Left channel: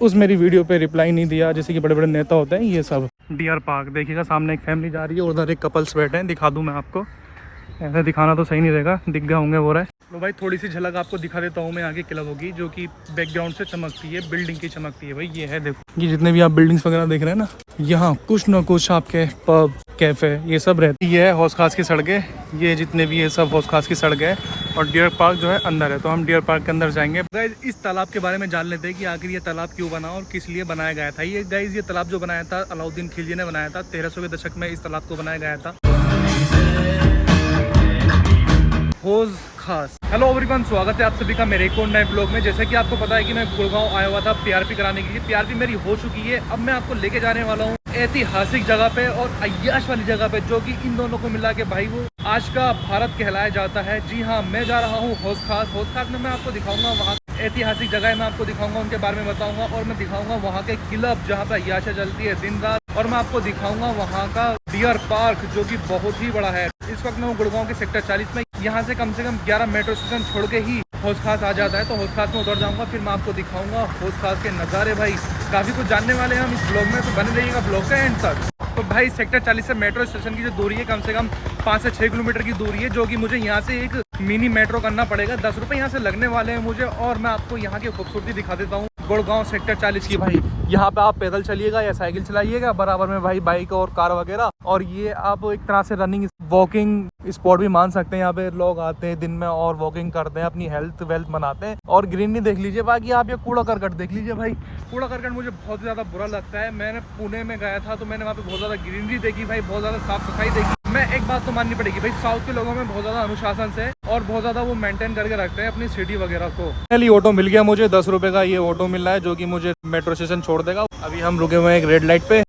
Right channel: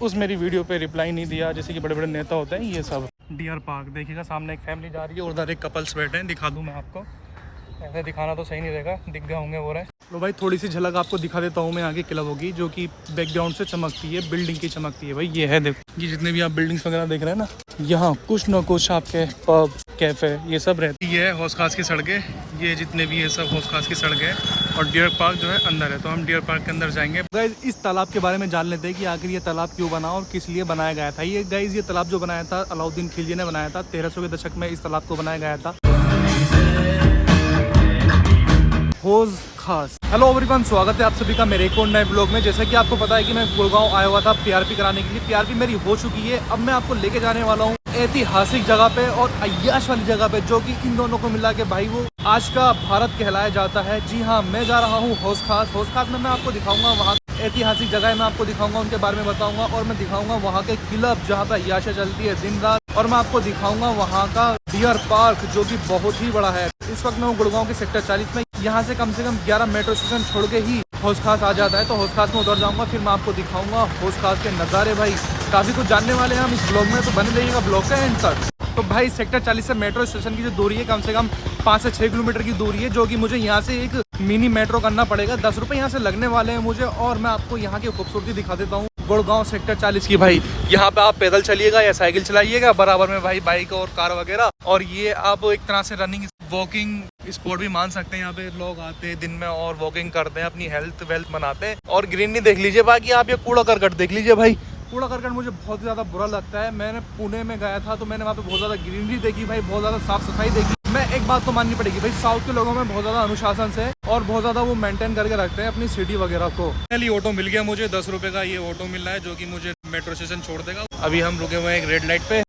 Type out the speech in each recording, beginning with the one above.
उस मेरी वीडियो पे रिप्लाई नहीं दिया, जैसे कि बड़े बड़े नेता होते हैं ये सब। डियर पार्क देखिएगा, सामने एक फैमिली जा रही है, उधर एक कपल्स बैठे हैं। दिखा दूँ मैं आपको, ऐसे दिखाना तो सही नहीं रहेगा, दिख गए होंगे वो रहे। तो भाई थोड़ी सी झलक आपको दिखा देता हूँ मैं यहाँ की क्लब होगी, जो कि बैकग्राउंड से चमकती है, बिल्डिंग की चमकती है भाई। ये है देखो, ये जितने भी आप बिल्डिंग्स वगैरह देख रहे हैं ना, यहाँ कुछ ना कुछ आपके पब कैफे ये सब रहती है। ये है हौस खास की सड़कें, ये जितने भी ये सब हौस खास की सड़कें हैं। और डियर पार्क जो है अंदर है, तो हम डियर पार्क के अंदर जाएंगे। गाइज इस तालाब के बारे में जान लेते हैं कि आखिर ये तालाब क्यों बना और किस लिए बनाया गया था। ये गाइज ये तालाब जो बनाया था अलाउद्दीन खिलजी ने बनाया था, 1300 के दशक में इस तालाब को बनाया गया था। हौज खास। हेलो एवरीवन, स्वागत है आप सभी का मेरे एक और नए ब्लॉग में। जैसा कि आपको पता है कि मैं गुड़गांव आया हुआ था पीआरपी कराने के लिए। पीआरपी मेरी हो चुकी है। अब मैं आपको लेके जाने वाला हूँ ऐतिहासिक जगह पे और अय्याश वाली जगह पे, जो कि इन दोनों को मिला के भाई वो आज का भारत कहलाया जाता है। जी हाँ, मैं जा रहा हूँ हौज खास। हौज खास में मैं आपको दिखाऊंगा वहाँ ऐतिहासिक जगह मैं आपको दिखाऊंगा, उनके बारे में बताऊंगा। और मैं दिखाऊंगा वहाँ के क्लब जहाँ पे अय्याशा चलती है दिन रात। और मैं आपको दिखाऊंगा वहाँ का डियर पार्क, जो कि बहुत ही बड़ा है। इस वक्त मैं हूँ गुड़गांव के सेक्टर 40 में। यहाँ से कम 11 मेट्रो स्टेशन छोड़ के ही हौज खास आ जाता है। तो हौज खास में उतर जाऊंगा, फिर मैं आपको दिखाऊंगा हौज खास के नज़ारे। भाई काफ़ी कुछ जानने वाले हैं हम इस ब्लॉग में, तो बने रहिएगा ब्लॉग का एंड तक। तो भाई सेक्टर 40 से मेट्रो स्टेशन की जो दूरी है कम से कम 5 से 6 किलोमीटर की दूरी है, जो कि मुझे यहाँ से एक मिनी मेट्रो करना पड़ेगा। 10 रुपये यहाँ से लगने वाले हैं मुझे। और मैं आपको यहाँ की खूबसूरती दिखा देता हूँ गुड़गांव सेक्टर 40 की। भाई यहाँ पे आप पैदल चलिएगा या साइकिल चलाइएगा, बराबर में भाई बाइक और कार वगैरह। और ये आप एक तरह से रनिंग वॉकिंग स्पॉट भी मान सकते हैं। यहाँ पे लोग आते हैं दिन में और वॉकिंग करते हैं, अपनी हेल्थ वेल्थ बनाते हैं। और ग्रीनरी देख लीजिए। बाकी आप ये कूड़ा करकट देख लीजिए भाई, कूड़ा करकट मुझे बहुत ज़्यादा बुरा लगता है। मैंने पुणे में गया था तो मैंने वहाँ पे बहुत ज़्यादा ग्रीनरी देखी भाई, बहुत ज़्यादा साफ सफाई देखी। मैं एक बात तो माननी पड़ेगी भाई, साउथ के लोगों में बहुत ज़्यादा अनुशासन से और बहुत ज़्यादा वो मेंटेन करके रखते हैं अपनी सिटी वगैरह को। पहले ऑटो मिल गया मुझे, 10 रुपये का ये ऑटो मिल रहा है, जो कि मुझे मेट्रो स्टेशन छोड़ देगा। अभी हम रुके हुए हैं एक रेड लाइट पे।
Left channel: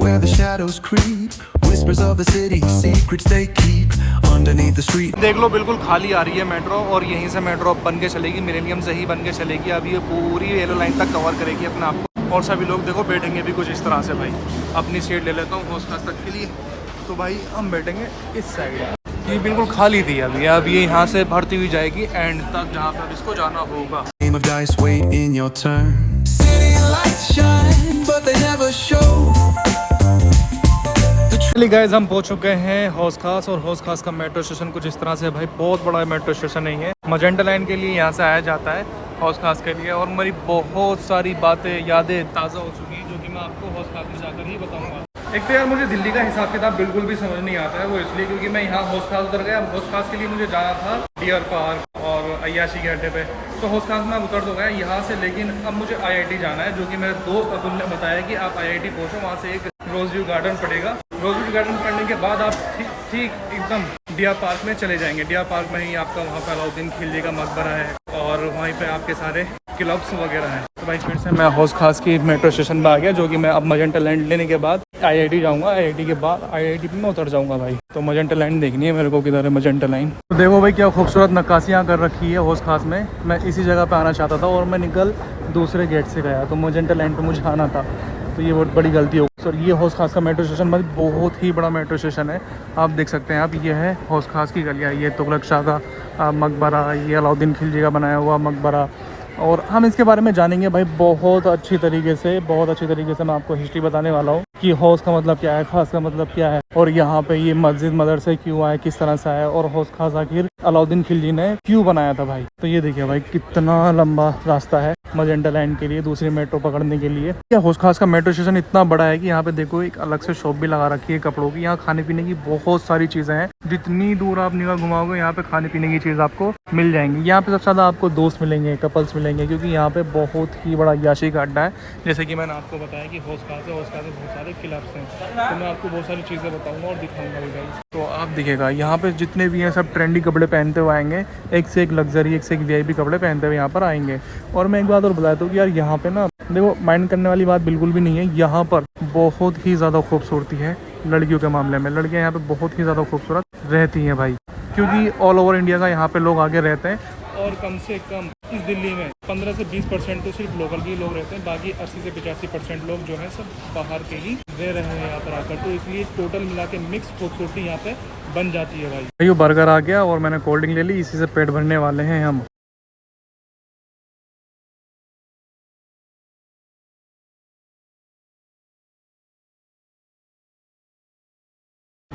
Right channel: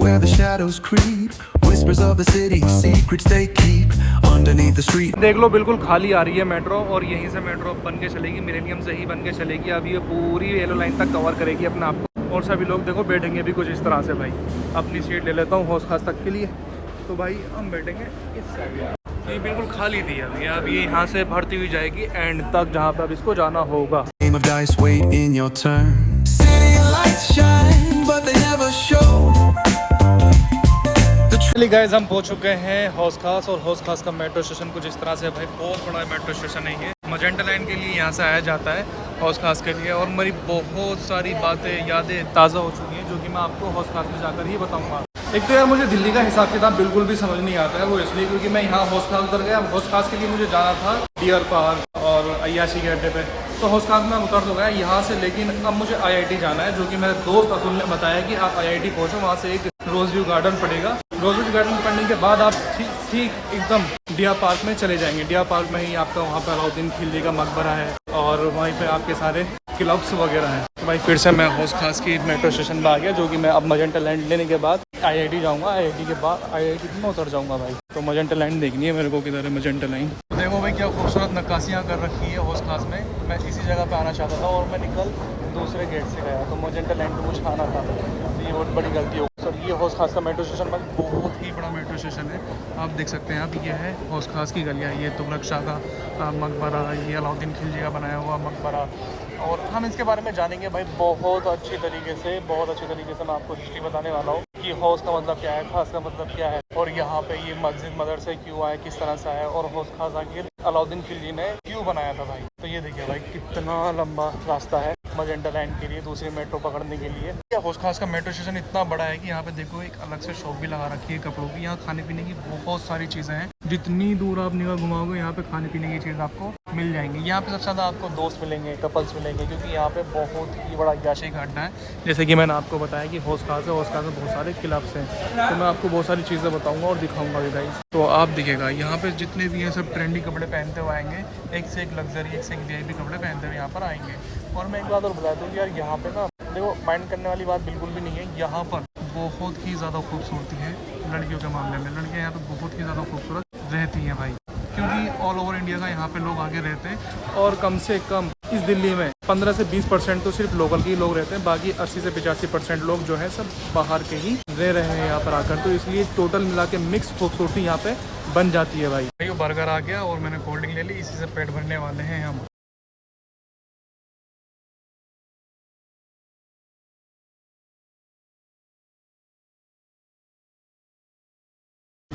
Where the shadows creep, whispers of the city, secrets they keep underneath the street. देख लो बिल्कुल खाली आ रही है मेट्रो, और यहीं से मेट्रो बन के चलेगी, मिलेनियम से ही बन के चलेगी। अब ये पूरी येलो लाइन तक कवर करेगी अपने आप को। और सभी लोग देखो बैठेंगे भी कुछ इस तरह से। भाई अपनी सीट ले लेता हूँ हौज खास तक के लिए। तो भाई हम बैठेंगे इस साइड। ये बिल्कुल खाली थी अभी, अब ये यहाँ से भरती हुई जाएगी एंड तक जहाँ पर अब इसको जाना होगा। गाइस हम पहुंच चुके हैं हौज खास। और हौज खास का मेट्रो स्टेशन कुछ इस तरह से भाई, बहुत बड़ा मेट्रो स्टेशन नहीं है। मजेंटा लाइन के लिए यहाँ से आया जाता है हौज खास के लिए। और मेरी बहुत सारी बातें यादें ताज़ा हो चुकी हैं, जो कि मैं आपको हौज खास में जाकर ही बताऊंगा। एक तो यार मुझे दिल्ली का हिसाब किताब बिल्कुल भी समझ नहीं आता है, वो इसलिए क्योंकि मैं यहाँ हौज खास उतर गया। हौज खास के लिए मुझे जाना था डियर पार्क और अय्याशी के अड्डे पे। तो हौज खास में उतर तो गया यहाँ से, लेकिन अब मुझे IIT जाना है, जो कि मेरे दोस्त अतुल ने बताया कि आप IIT पहुँचो, वहाँ से एक रोज व्यू गार्डन पड़ेगा। रोज व्यू गार्डन पढ़ने के बाद आप ठीक एकदम डियर पार्क में चले जाएंगे। डियर पार्क में ही आपका वहाँ पर अलाउद्दीन खिलजी का मकबरा है और वहीं पे आपके सारे क्लब्स वगैरह हैं। तो भाई फिर से मैं हौज खास की मेट्रो स्टेशन में आ गया, जो कि मैं अब मजेंटा लैंड लेने के बाद IIT जाऊँगा। IIT के बाद IIT में उतर जाऊँगा भाई। तो मजेंटा लाइन देखनी है मेरे को, किधर है मजेंटा लाइन। तो देखो भाई क्या खूबसूरत नक्काशियाँ कर रखी है हौज खास में। मैं इसी जगह पे आना चाहता था और मैं निकल दूसरे गेट से गया, तो मजेंटा लाइन पे मुझे आना था। तो ये बहुत बड़ी गलती हो सर। ये हौज खास का मेट्रो स्टेशन मतलब बहुत ही बड़ा मेट्रो स्टेशन है, आप देख सकते हैं आप। ये है हौज खास की गलियाँ, ये तुगलक शाह का मकबरा, ये अलाउद्दीन खिलजी का बनाया हुआ मकबरा। और हम इसके बारे में जानेंगे भाई बहुत अच्छी तरीके से, बहुत अच्छी तरीके से। मैं आपको हिस्ट्री बताने वाला हूँ कि हौज का मतलब क्या है, खास का मतलब क्या है, और यहाँ पे ये मस्जिद मदरसे क्यों आए, किस तरह से आया, और हौज खास आखिर अलाउद्दीन खिलजी ने क्यों बनाया था भाई। तो ये देखिए भाई कितना लंबा रास्ता है मजेंटा लाइन के लिए, दूसरी मेट्रो पकड़ने के लिए। क्या हौज खास का मेट्रो स्टेशन इतना बड़ा है कि यहाँ पे देखो एक अलग से शॉप भी लगा रखी है कपड़ों की। यहाँ खाने पीने की बहुत सारी चीज़ें हैं, जितनी दूर आप निगाह घुमाओगे यहाँ पे खाने पीने की चीज़ आपको मिल जाएंगी। यहाँ पे सबसे ज़्यादा आपको दोस्त मिलेंगे, कपल्स मिलेंगे, क्योंकि यहाँ पे बहुत ही बड़ा अय्याशी का अड्डा है। जैसे कि मैंने आपको बताया कि हौज खास है, हौज खास में बहुत सारे क्लब्स हैं। तो मैं आपको बहुत सारी चीज़ें बताऊँगा और दिखाऊँगा भी गाइस। तो आप दिखेगा यहाँ पे जितने भी हैं सब ट्रेंडी कपड़े पहनते हुए आएंगे, एक से एक लग्जरी, एक से एक VIP कपड़े पहनते हुए यहाँ पर आएंगे। और मैं एक बात और बताता हूँ कि यार यहाँ पे ना देखो माइंड करने वाली बात बिल्कुल भी नहीं है। यहाँ पर बहुत ही ज़्यादा खूबसूरती है लड़कियों के मामले में। लड़कियाँ यहाँ पे बहुत ही ज़्यादा खूबसूरत रहती हैं भाई, क्योंकि ऑल ओवर इंडिया का यहाँ पे लोग आगे रहते हैं। और कम से कम इस दिल्ली में 15 से 20% तो सिर्फ लोकल के ही लोग रहते हैं, बाकी 80 से 85% लोग जो है सब बाहर के ही रह रहे हैं यहाँ पर आकर। तो इसलिए टोटल मिला के मिक्स खूबसूरती यहाँ पे बन जाती है भाई। ये बर्गर आ गया और मैंने कोल्ड ड्रिंक ले ली, इसी से पेट भरने वाले हैं हम।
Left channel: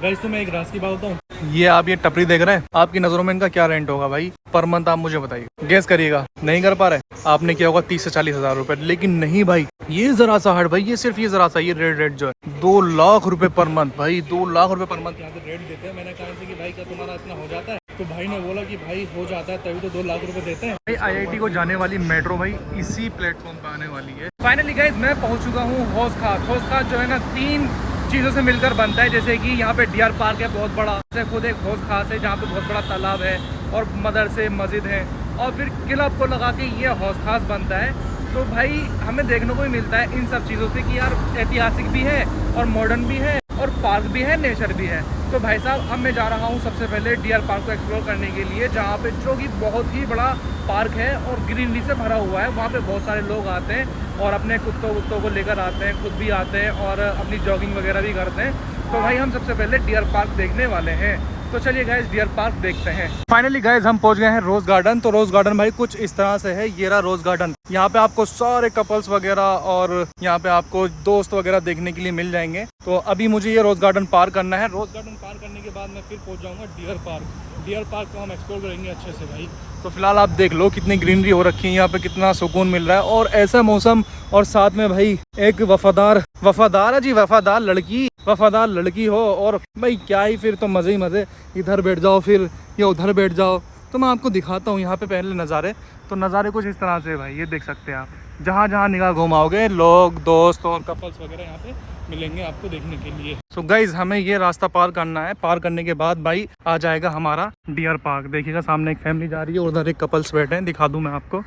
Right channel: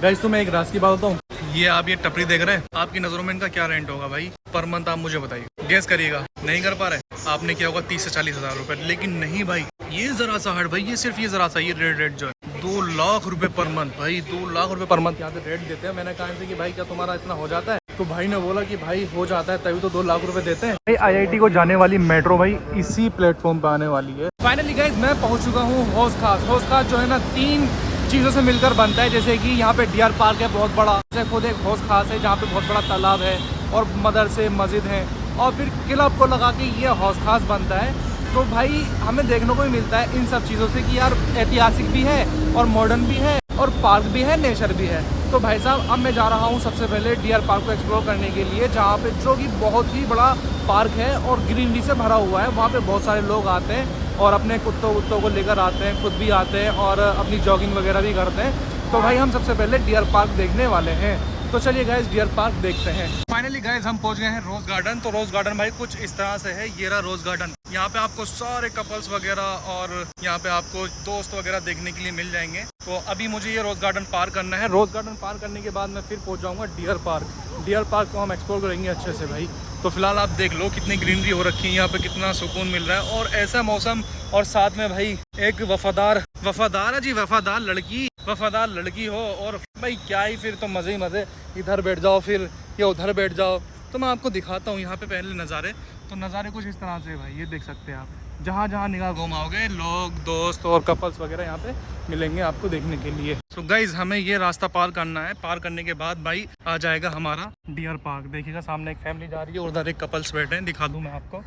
गाइस तो मैं एक राज की बात बताऊं, ये आप ये टपरी देख रहे हैं, आपकी नजरों में इनका क्या रेंट होगा भाई पर मंथ? आप मुझे बताइए, गेस करिएगा। नहीं कर पा रहे? आपने किया होगा 30 से 40 हज़ार रुपए, लेकिन नहीं भाई, ये जरा सा हट भाई, ये सिर्फ ये जरा सा ये रेट जो है 2 लाख रुपए पर मंथ भाई, 2 लाख रुपए पर मंथ यहाँ पे रेट देते हैं। मैंने कहा इनसे कि भाई क्या तुम्हारा इतना हो जाता है? तो भाई ने बोला कि भाई हो जाता है, तभी तो 2 लाख रुपए देते हैं भाई। IIT को जाने वाली मेट्रो भाई इसी प्लेटफॉर्म पे आने वाली है। फाइनली गाइस मैं पहुंच चुका हूँ हौस खास। हौस खास जो है ना 3 चीज़ों से मिलकर बनता है, जैसे कि यहाँ पे डियर पार्क है बहुत बड़ा, जैसे खुद एक हौस खास है जहाँ पे बहुत बड़ा तालाब है और मदरसे मस्जिद है, और फिर क्लब को लगा के ये हौस खास बनता है। तो भाई हमें देखने को ही मिलता है इन सब चीज़ों से कि यार ऐतिहासिक भी है और मॉडर्न भी है और पार्क भी है, नेचर भी है। तो भाई साहब अब मैं जा रहा हूँ सबसे पहले डियर पार्क को एक्सप्लोर करने के लिए, जहाँ पे जो कि बहुत ही बड़ा पार्क है और ग्रीनरी से भरा हुआ है। वहाँ पे बहुत सारे लोग आते हैं और अपने कुत्तों को लेकर आते हैं, खुद भी आते हैं और अपनी जॉगिंग वगैरह भी करते हैं। तो भाई हम सबसे पहले डियर पार्क देखने वाले हैं, तो चलिए गाइस डियर पार्क देखते हैं। फाइनली गाइस हम पहुंच गए हैं रोज गार्डन। तो रोज गार्डन भाई कुछ इस तरह से है, ये रहा रोज गार्डन। यहाँ पे आपको सारे कपल्स वगैरह और यहाँ पे आपको दोस्त वगैरह देखने के लिए मिल जाएंगे। तो अभी मुझे ये रोज गार्डन पार करना है। रोज गार्डन पार करने के बाद मैं फिर पहुंच जाऊंगा डियर पार्क। डियर पार्क को हम एक्सप्लोर करेंगे अच्छे से भाई। तो फिलहाल आप देख लो कितनी ग्रीनरी हो रखी है यहाँ पे, कितना सुकून मिल रहा है और ऐसा मौसम, और साथ में भाई एक वफादार है जी, वफादार लड़की हो, और भाई क्या ही फिर तो मज़े ही मज़े। इधर बैठ जाओ फिर या उधर बैठ जाओ। तो मैं आपको दिखाता हूँ यहाँ पे पहले नज़ारे। तो नज़ारे कुछ इस तरह से भाई, ये देख सकते हैं आप, जहाँ जहाँ निगाह घुमाओगे लोग, दोस्त और कपल्स वगैरह यहाँ पे मिलेंगे आपको देखने के लिए। सो गाइज हमें ये रास्ता पार करना है। पार करने के बाद भाई आ जाएगा हमारा डियर पार्क। देखिएगा सामने एक फैमिली जा रही है, उधर एक कपल्स बैठे हैं, दिखा दूँ मैं आपको।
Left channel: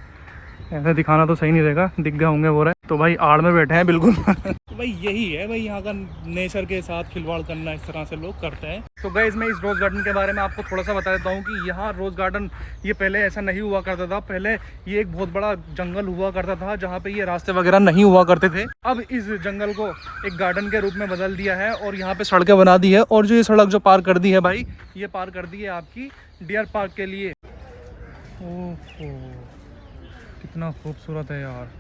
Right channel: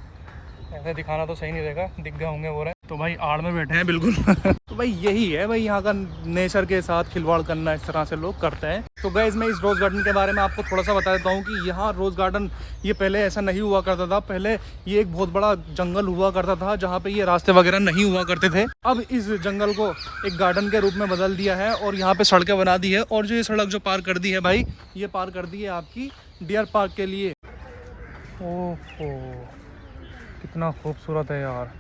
ऐसे दिखाना तो सही नहीं रहेगा, दिख गए होंगे वो रहे। तो भाई आड़ में बैठे हैं बिल्कुल। तो भाई यही है भाई, यहाँ का नेचर के साथ खिलवाड़ करना इस तरह से लोग करते हैं। तो गाइस मैं इस रोज़ गार्डन के बारे में आपको थोड़ा सा बता देता हूँ कि यहाँ रोज़ गार्डन ये पहले ऐसा नहीं हुआ करता था। पहले ये एक बहुत बड़ा जंगल हुआ करता था जहाँ पे ये रास्ते वगैरह नहीं हुआ करते थे। अब इस जंगल को एक गार्डन के रूप में बदल दिया है और यहाँ पे सड़कें बना दी है। और जो ये सड़क जो पार कर दी है भाई, ये पार कर दी है आपकी डियर पार्क के लिए। ओहो कितना खूबसूरत है यार।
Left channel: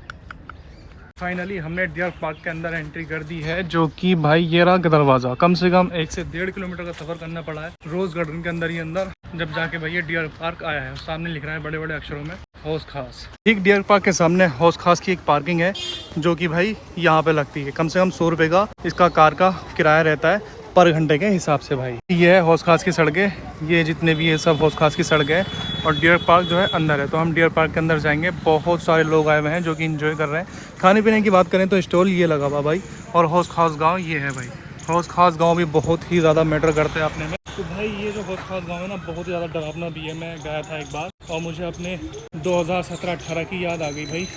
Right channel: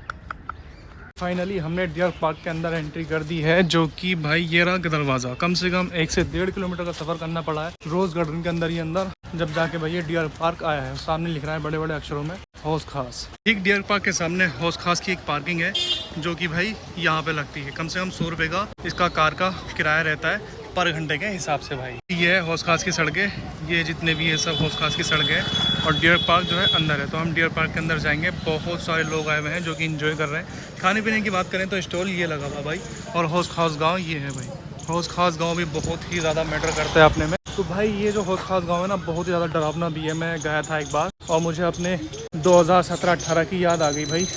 फाइनली हमने डियर पार्क के अंदर एंट्री कर दी है, जो कि भाई ये रहा दरवाज़ा। कम से कम 1 से 1.5 किलोमीटर का सफ़र करना पड़ा है रोज़ गार्डन के अंदर ही अंदर, जब जाके भाई ये डियर पार्क आया है। सामने लिख रहा है बड़े बड़े अक्षरों में हौस खास। ठीक डियर पार्क के सामने हौस खास की एक पार्किंग है, जो कि भाई यहाँ पे लगती है। कम से कम 100 रुपये का इसका कार का किराया रहता है पर घंटे के हिसाब से भाई। ये है हौस खास की सड़कें, ये जितने भी ये सब हौस खास की सड़कें हैं, और डियर पार्क जो है अंदर है। तो हम डियर पार्क के अंदर जाएंगे। बहुत सारे लोग आए हुए हैं जो कि एंजॉय कर रहे हैं। खाने पीने की बात करें तो स्टॉल ये लगा हुआ भाई, और हौस खास गाँव ये है भाई। हौस खास गाँव भी बहुत ही ज़्यादा मैटर करता है अपने में। तो भाई ये जो हौस खास गाँव है ना, बहुत ही ज़्यादा डरावना भी है। मैं गया था एक बार और मुझे अपने 2017-18 की याद आ गई भाई।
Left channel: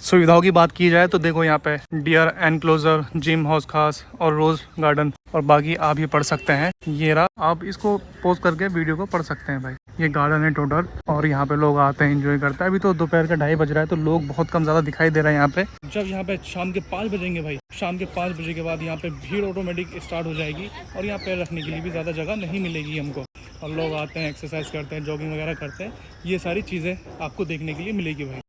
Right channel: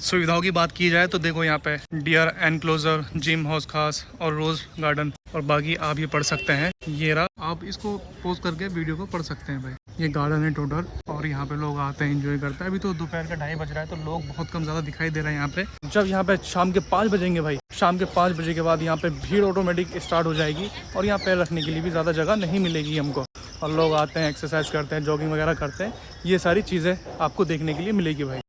सुविधाओं की बात की जाए तो देखो यहाँ पे डियर एनक्लोजर, जिम, हौस खास और रोज गार्डन, और बाकी आप ये पढ़ सकते हैं। ये रहा, आप इसको पोस्ट करके वीडियो को पढ़ सकते हैं भाई। ये गार्डन है टोटल, और यहाँ पे लोग आते हैं एंजॉय करते हैं। अभी तो दोपहर के 2:30 बज रहा है, तो लोग बहुत कम ज़्यादा दिखाई दे रहे हैं यहाँ पे। जब यहाँ पे शाम के 5 बजेंगे भाई, शाम के 5 बजे के बाद यहाँ पे भीड़ ऑटोमेटिक स्टार्ट हो जाएगी, और यहाँ पैर रखने के लिए भी ज़्यादा जगह नहीं मिलेगी हमको। और लोग आते हैं, एक्सरसाइज करते हैं, जॉगिंग वगैरह करते हैं। ये सारी चीज़ें आपको देखने के लिए मिलेगी भाई।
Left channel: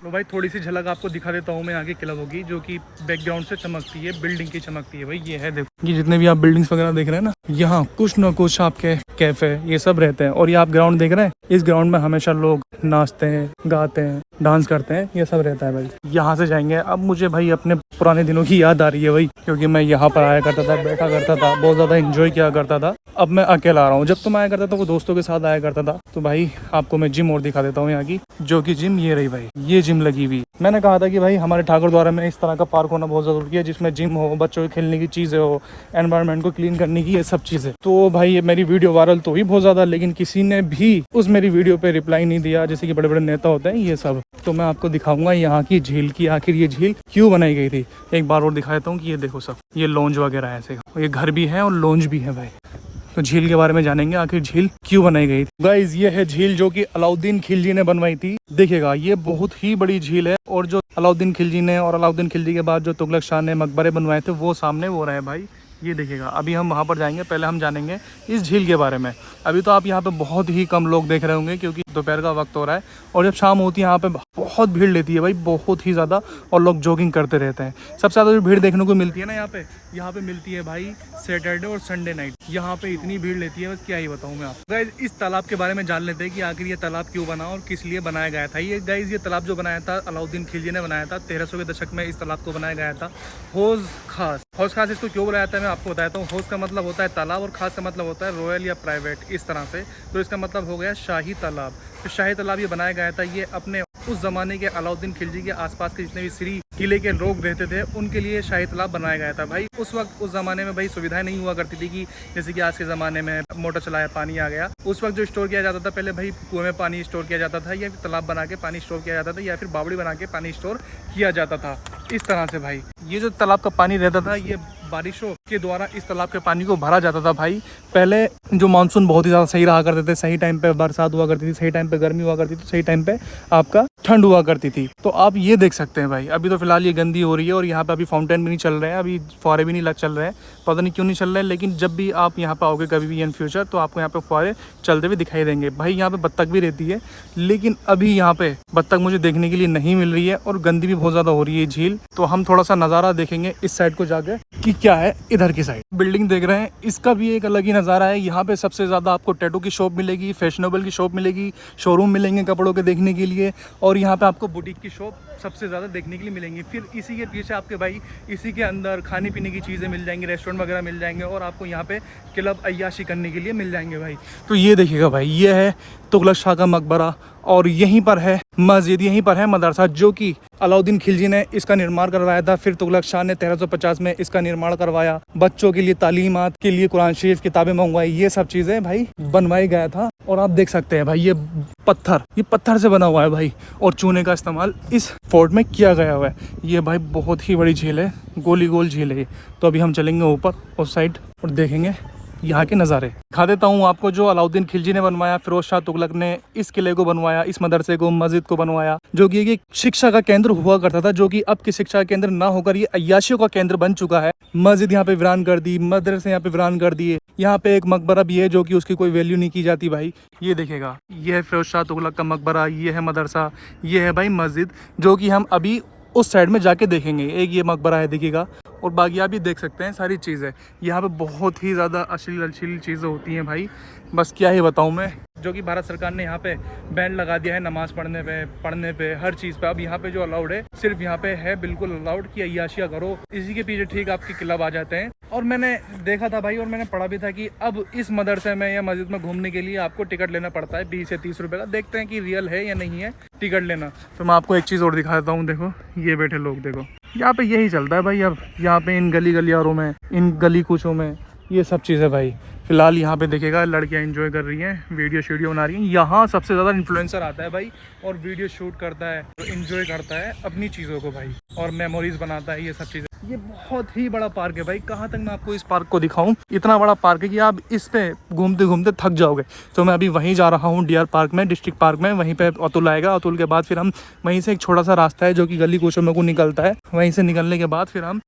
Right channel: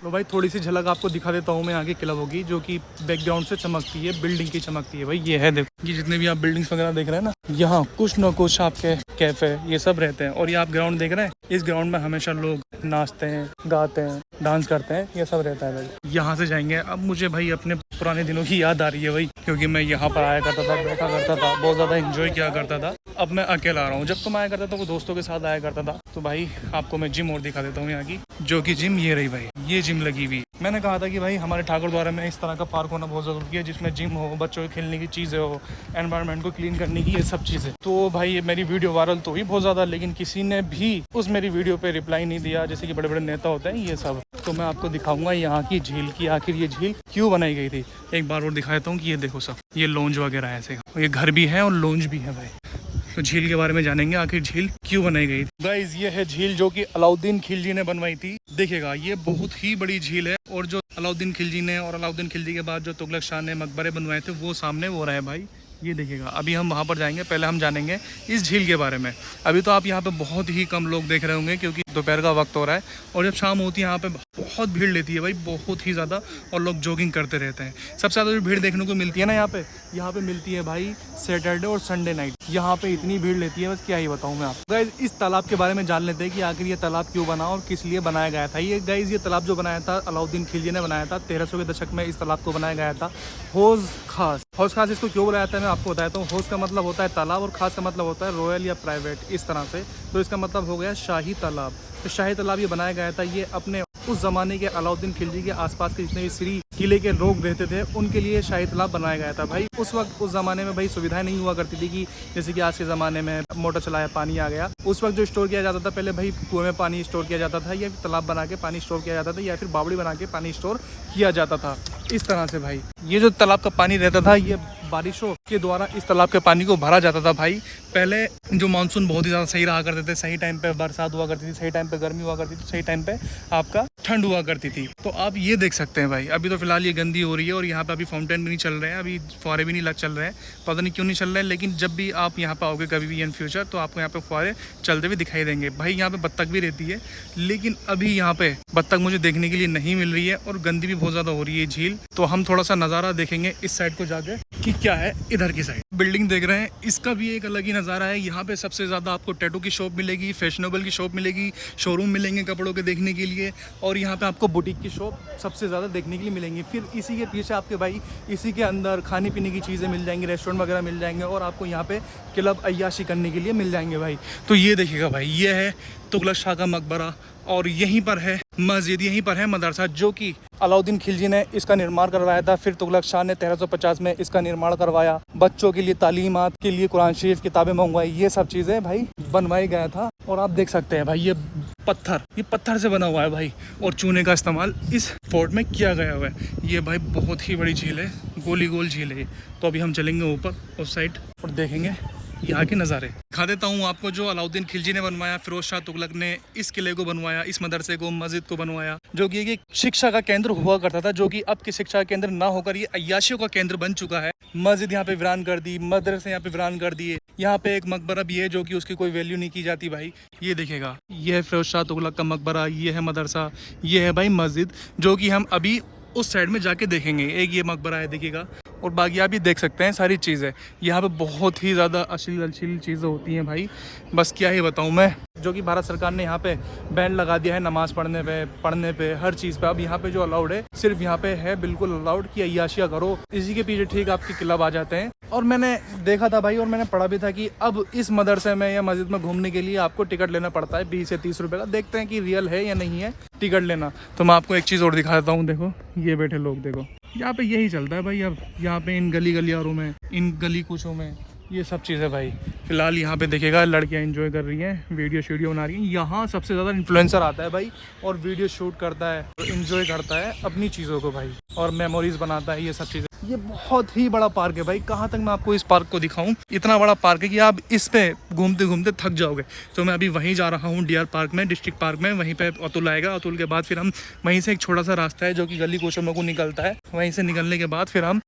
तो भाई थोड़ी सी झलक आपको दिखा देता हूँ मैं। आगे क्लब होगी जो कि बैकग्राउंड से चमकती है, बिल्डिंग की चमकती है भाई। ये है देखो, ये जितने भी आप बिल्डिंग्स वगैरह देख रहे हैं ना, यहाँ कुछ ना कुछ आपके कैफे ये सब रहते हैं। और ये आप ग्राउंड देख रहे हैं, इस ग्राउंड में हमेशा लोग नाचते हैं, गाते हैं, डांस करते हैं, ये सब रहता है भाई। यहाँ से जाएंगे। अब मुझे भाई अपने पुराने दिनों की याद आ रही है भाई, क्योंकि मैं यहाँ पर आया करता था, बैठा करता था, बहुत ज़्यादा इंजॉय किया करता था। अब मैं अकेला आ रहा हूँ। जब तो मैं आया करता था वो दोस्तों के साथ आया करता था। तो भाई आपको मैं जिम और दिखा देता हूँ यहाँ की, जो कि जिम ये रही भाई। ये जिम लगी हुई। मैंने कहा था कि भाई हमारे ठाकुर द्वारा में इस तरह का पार्क होना बहुत ज़रूरी है, जिसमें जिम हो, बच्चों के खेलने की चीज़ें हो, एनवायरनमेंट को क्लीन करने की ये सब चीज़ें। तो भाई ये मेरी वीडियो वायरल तो हुई बहुत ज़्यादा, लेकिन किसी ने भी उस मेरी वीडियो पे रिप्लाई नहीं दिया, जैसे कि बड़े बड़े नेता होते हैं ये सब। तो मैं आपको दिखाऊंगा यहाँ की झील की, आखिर ये झील क्यों बनाई गई थी। एक बार और दिखा देता हूँ कि ये देखो सब, ये लॉन्ज वगैरह है ऐसे, ये घर भी है और लॉन्ज भी है भाई। तो झील के बारे में जानेंगे, आखिर झील क्यों बनाई गई। गाइस ये है झील जो कि अलाउद्दीन खिलजी ने बनवाई थी। देखिएगा ये बहुत ही बड़ी झील है, और जो अलाउद्दीन खिलजी ने, और अलाउद्दीन खिलजी के बाद जो तुगलक शाह ने मकबरे बनवाए थे, वो सामने वो रहे भाई। ये देखिएगा, अभी हम वहाँ पर जाएंगे, पहले हम जानेंगे इस झील के बारे में। अभी तो आप यहाँ पे बहुत ही कम लोग देख रहे होंगे क्योंकि दोपहर का वक्त हो रहा है, और जब शाम होती है यहाँ पे बहुत भीड़ लेती है भाई, बहुत ही ज़्यादा, और लोग जॉगिंग करते रहते हैं। सबसे ज़्यादा जो भीड़ देखने को मिलती है ना यहाँ पे मिलती है भाई सैटरडे और संडे नाइट। यहाँ पे इतनी भीड़ लेती है, बस क्या ही बताऊँ मैं आपको। गाइज इस तालाब के बारे में जान लेते हैं कि आखिर ये तालाब क्यों बना और किस लिए बनाया गया था। ये गाइज ये तालाब जो बनाया था अलाउद्दीन खिलजी ने बनाया था, 1300 के दशक में इस तालाब को बनाया गया था। हौज खास, हौज खास इसको क्यों बनाया था मैं आपको बताता हूँ। हौज का मतलब होता है तालाब और खास का मतलब होता है रॉयल या प्राइवेट, इस तरह से। तो इसका मतलब हो गया शाही तालाब। तो शाही तालाब ये बनाया गया था, ये अपने उस ज़माने के अलाउद्दीन खिलजी के आसपास के जितने भी श्री किले के लोग रहते थे उनके लिए शाही तालाब बनाया गया था भाई। उस वक्त उस ज़माने में भाई सुविधाएं नहीं हुआ करती थी कि जैसे कि आज के ज़माने में मोटर चलाया पानी आ गया। उस वक्त जो स्टोर किया जाता था, पहले भाई कुएं में पानी स्टोर किया जाता था, या तालाब बना के पानी स्टोर किया जाता था, या फिर बावड़ी बना के पानी स्टोर किया जाता था, इस तरह से भाई। ये जो तालाब का पानी रहता था, ये बारिशों के द्वारा इस तालाब के पानी को भरा जाता था भाई। पहले जो मानसून बहुत ही ज़्यादा सही रहा करते थे, सही टाइम पे बरसात हुआ करती थी, सही टाइम पे गर्मी हुआ करती थी, सही टाइम पे आपका ठंड हुआ करती थी। तो आप ये देख सकते हैं भाई, अभी तो फिलहाल ये गंदी हो रही है और यहाँ पे अभी फाउंटेन भी नहीं चल रहे हैं, अभी फुहारे भी नहीं चल रहे हैं, पता नहीं क्यों नहीं चल रहे हैं। लेकिन जब भी आप यहाँ पे आओगे कभी भी इन फ्यूचर, तो आपको यहाँ पे फुहारे चलते हुए दिखाई देंगे भाई। यहाँ पे बत्तख भी रहती है, लेकिन अभी यहाँ पे बत्तख मुझे देखने के लिए नहीं मिल रही है, और गंदी भी बहुत ज़्यादा हो रही है झील। तो हम थोड़ा सा नज़ारा देखेंगे इस साइड को जाके कि क्या है इधर की साइड। बिल्डिंग देख रहे हैं, इसका भी एक अलग ही नज़ारा है। यहाँ पे सबसे ज़्यादा आपको टैटू की शॉप मिलेगी, फैशनेबल की शॉप मिलेगी, शोरूम मिलेंगे कपड़ों के देखने के लिए, और यहाँ पे आपको बुटीक की शॉप सबसे ज़्यादा देखने के लिए मिलेंगी। फिर इसी के पीछे आपके भाई इसी के अंदर खाने पीने की चीज़ें मिल जाएंगी, रेस्टोरेंट वगैरह मिल जाएंगे, और आपको यहाँ पे क्लब अय्याशी करने के लिए मिल जाएंगे भाई। तो ये देखिएगा भाई, ये है तुगलक शाह का मकबरा, और यहीं पर है मस्जिद, यहीं पर है मदरसा, जो कि अलाउद्दीन खिलजी ने इसका निर्माण करवाया था। फिर तुगलक शाह ने 1350 में इसका निर्माण करवाया, बच्चों के लिए तालीमात के लिए कुरान शरीफ किताबें मंगवाई, ये सब चीज़ें भाई बनवाई गया था। और आप देख सकते हैं भाई ये पत्थर से बना हुआ है भाई, और चूने का इस्तेमाल इस फोर्ट में किया गया हुआ है। ये भाई बहुत ही बड़ी झील है, गोली गोल झील है। तो अभी हम चलेंगे ऊपर और साइड और देखेंगे यहाँ के नज़ारे। दिखा देता हूँ आपको, जो अलाउद्दीन खिलजी ने बनवाया, फिरोज शाह तुगलक ने इस किले को बनवाया, इस मदरसे को, मस्जिद को बनवाया, जो कि एक शिक्षा का केंद्र हुआ करता था, जो कि अब की शिक्षा का केंद्र ना होकर ये अय्याशियों का केंद्र बन चुका है। मस्जिद यहाँ पे वीरान कर दी, मदरसे यहाँ पे वीरान कर दिए। यहाँ पे एक मकबरा भी है जो कि उसकी कोई वैल्यू नहीं की जाती भाई। ये देखेगा, ये है फिरोज शाह तुगलक का मकबरा, ये है मदरसा, ये है भाई मस्जिद, जो कि हम अभी उस साइड में जाके देखेंगे। एक ये मकबरा है दिखेगा, और बाकी आप भी देख सकते हैं सारी चीज़ें। यहाँ पे बहुत ही ज़्यादा अश्लील चीज़ें होती हैं भाई, बस क्या ही बताऊँ मैं। जो कि भारत सरकार ने यहाँ पे बैन लगा दिया है नमाज़ पढ़ने पे हर चीज़ पे। अब यहाँ पे जो अलाउड है, सिर्फ यहाँ पे है बिल्कुल अलाउड कि अय्याशियाँ करो। इसी के पीछे ठीक आपके क्लब आ जाते हैं। और मैंने देखा था भाई, और मैंने पढ़ा भी था कि अब इस मदरसे में या मस्जिद में घूमने के लिए आपको टिकट लेना पड़ता है 20 या 30 रुपये का। देखते हैं कि रियल है या नहीं है टिकट लेना। तो मैं आपको एक चीज़ और दिखा देता हूँ, देखो ये बैठे लोग, देखो यहाँ पे यही चलता है भाई। अब यहाँ पे इन गलियारों में, इन गली कूचों में ये सब चीज़ें भाई। फिलहाल यहाँ पे देखिएगा लड़कियाँ एंजॉय कर रही हैं, वीडियो बना रही हैं। यहाँ सबसे ज़्यादा इन्फ्लुएंसर आता है भाई, और वीडियो शूट करता है, तो एंजॉय करता है अपनी चीज़ों को भाई, और मेमोरीज बनाता है, ये सब चीज़ें। ये बहुत ही बड़ा पार्क है भाई, कहाँ तक मैं आपको इस पार्क को दिखाऊं। इतना बड़ा पार्क है कि आप इस पे घूमते घूमते थक जाओगे। तो मैं अभी वहीं जा रहा हूँ, डीआर पार्क में, डिस्ट्रिक्ट पार्क में। वहीं पे अतुल आएगा, अतुल के बाद फिर हम वहीं से एक छोटा सा रास्ता है जो कि गली कूचों में को निकलता है, वहीं से निकलने के बाद फिर हम